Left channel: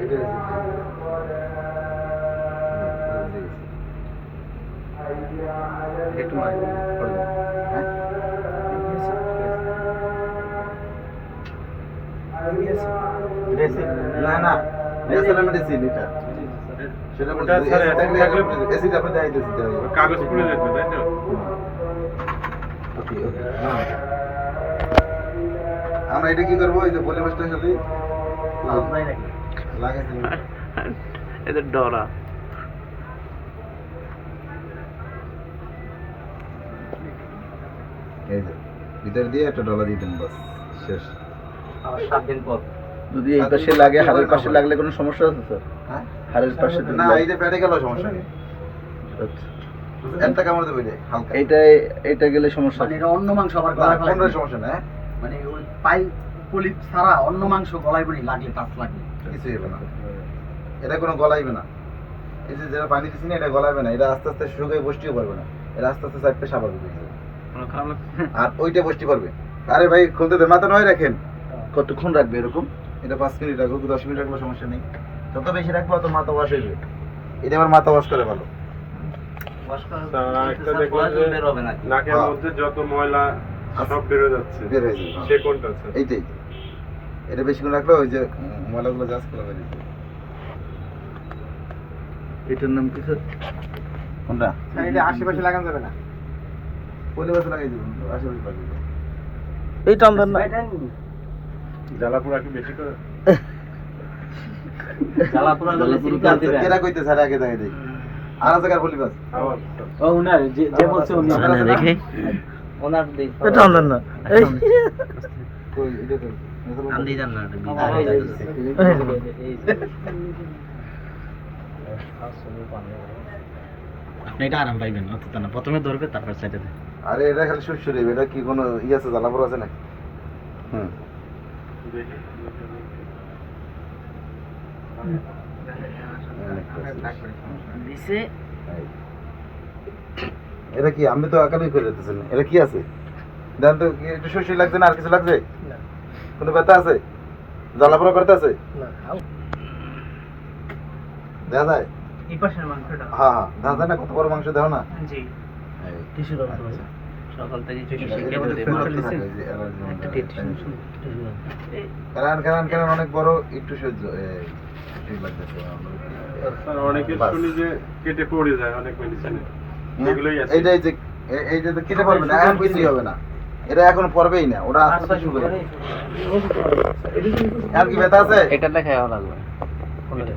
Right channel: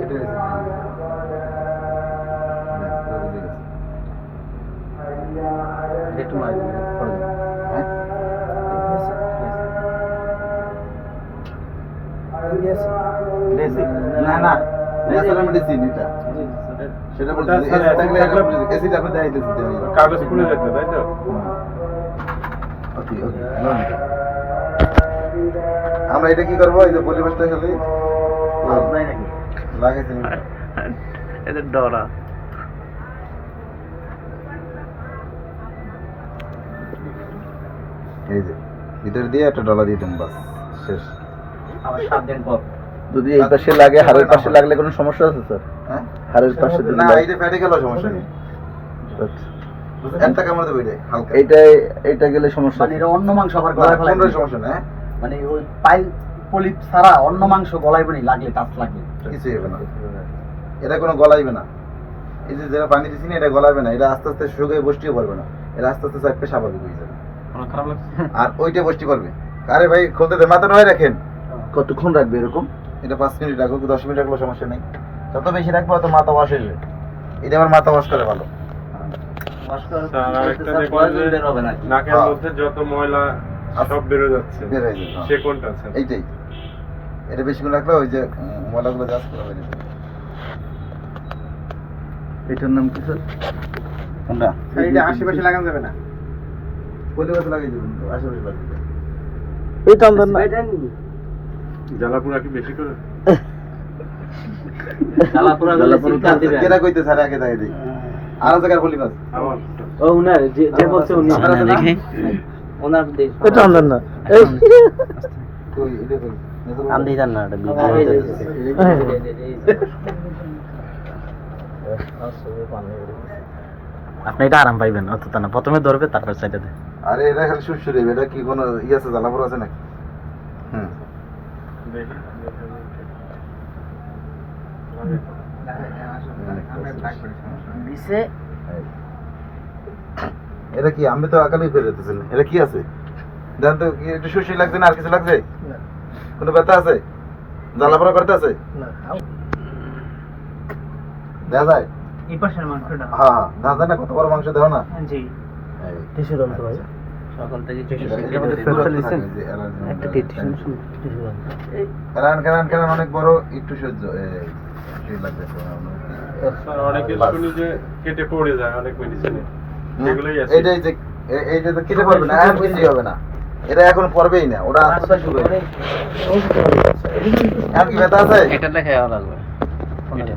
it is. Hit my pardon. না না natural medicine এটা সেটা বলছি অ্যাসিড আপনি দেখাইতেছি কাগজ পুড়ে দেখবে তাই তো ওকে ওকে আমরা এটা কি করবো এই যে পরিবেশটা খালি নাই নাকি এদের ডরা। এই যে ভিতর দিয়ে একটা ডলা দিয়ে দেন বাস শেষ। আমার সাত দিন পর। যদি এই পাশে লাগে হাড়ের পাশে লাগলে কোনো সমস্যা আছে স্যার? হ্যাঁ? হাড়ের পাশে না এই যে ফেটে গেল সমস্যা নেই। একটা কামড় দেবে এটা হালকা। এইটা এইটা গেলে সমস্যা। মানে এটা অন্য মাংস আবার না, গলায় সমস্যা নেই হ্যাঁ? মানে ওই পাইল পলিপ ছাড়া অন্য মাংস গলায় বনি লাগলে টাফ লাগবে। কিছুই হবে না। এটা কোনো গলাইবে না। এই যে যেটা পানি দিচ্ছি না এটা গলাইবে না। এটা আস্তে আস্তে শুকিয়ে বসতেও পারবে না। এটা আস্তে আস্তে চাপতে স্বাভাবিক হয়ে যাবে। আর ওইটা বসতে পারবে। আরে ভাই খুলতে দে মাথা নয় রাখেন। কতক্ষণ রাখবে এরকম? এটা পাঁচ মিনিট রাখুক দশ মিনিট রাখলেও সমস্যা নেই। যত বেশি রাখব তত মাথা ওয়াশ হয়ে যাবে। এটা আমার মাথা ওয়াশ করে ভালো। না নাকের হ্যাঁ। মধ্যে যত ময়লা সব বেরো যাচ্ছে। হয়ে হ্যাঁ। এইটাই। এটা বেশিক্ষণ রাখলে ওই যে ময়লাগুলো জাস্ট করে বেরিয়ে যাবে। এটার নাম কি স্যার? কোনটা? এটা আশেপাশে লাগানো যাবে না। পরিবেশে লাগিয়ে দেবেন আশেপাশে লাগিয়ে দেবেন। এই চন্দন না জ্বালাপুরা কি বেশি করে? জ্বালাপুরা জ্বালাপুরা। কেনা কইতে স্যার আগে দিই আর জায়গার আবার। ও উনার যে যে বলছে উনি। না, না, দেখে। ওনার দেখ এই না। এই কই এটা কই? আন দিয়ে যান না এটা আপনি এটা আরাম পাইবেন অত তা না প্রথমে ধরবে তারপর সাইডে দেয় আরে এটা খালি সুরসুরি এটা কি কোনো ই আছে জ্বালাপুর আছে নাকি হুম। দিছে এটা কি আমি তো একালি ফেলে দিতেছেন এটা কি আছে দেন তো একটু সুরসুরি লাগছে না আর কিছু লাগছে কোনো ব্যথা আছে? জ্বালাপোড়া করতে আছে? দেখা যায়? এই পাশের মাংসটা হ্যাঁ হ্যাঁ। দেখা যায় না? কত বড় মাংস দেও না? জি। টিস্যু দাও তো ভাই। সকাল থেকে এটা- এটার মধ্যে ফেলে রাখতে থাকে, এই যে অ্যালার্জি একটা টিস্যু কেরান কেরান কেরান অনেক বড় একটু সহ্য স্যার অনেকে শুনি যে কেটে পড়ে যায় অনেক মেডিসিনে এগুলোই আছে এইটাই যে এ- এই কেটে পারবে না এখন কিছুই হবে না। এটা এখন পড়বেই না ওটা আস্তে শুরু হবে আর কি ব্যথা আছে? এটা লেখা লাগবে।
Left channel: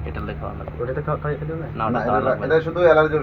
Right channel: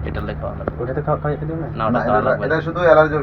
এটা লেখা লাগবে। ওটা তো খাওয়া না এটা- লাগবে। এটা শুধু অ্যালার্জি